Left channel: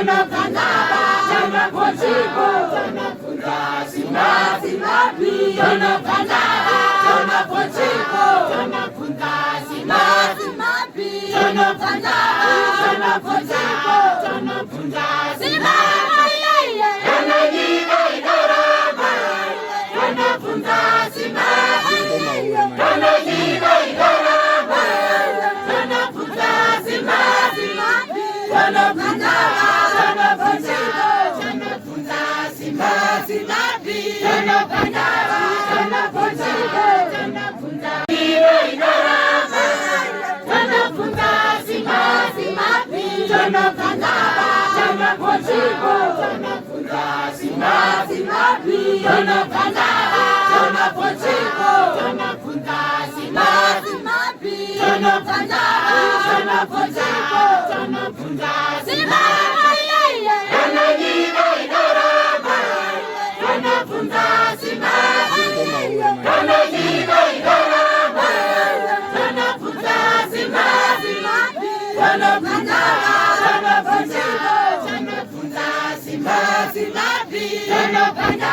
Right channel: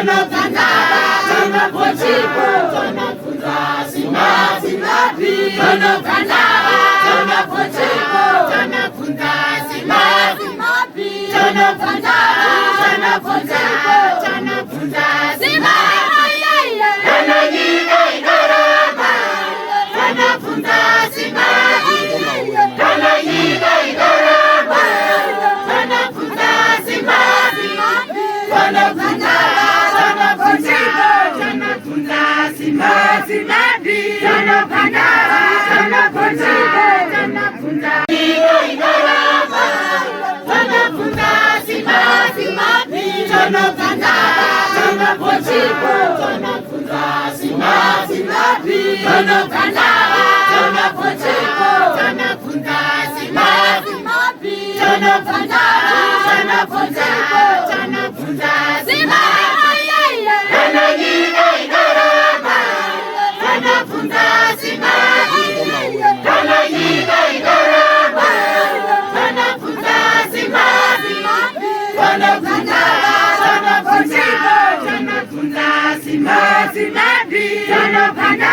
tunapanda tunapochipu, tunafunza simapi mapi, tunapanda tunapochipu, tunafunza simapi mapi, tunapanda tunapochipu, tunafunza simapi tunajina idaraba, tunafunza simapi tunajina idaraba, tunafunza simapi tunapanda tunapochipu, tunafunza simapi tunapanda tunapochipu, tunafunza idaraba, tunafunza simapi tunapanda tunapochipu, tunafunza simapi tunapanda tunapochipu, tunafunza simapi tunapanda tunapochipu, tunafunza simapi tunajina idaraba, tunafunza simapi tunajina idaraba, tunafunza simapi tunapanda tunapochipu, tunafunza simapi tunapanda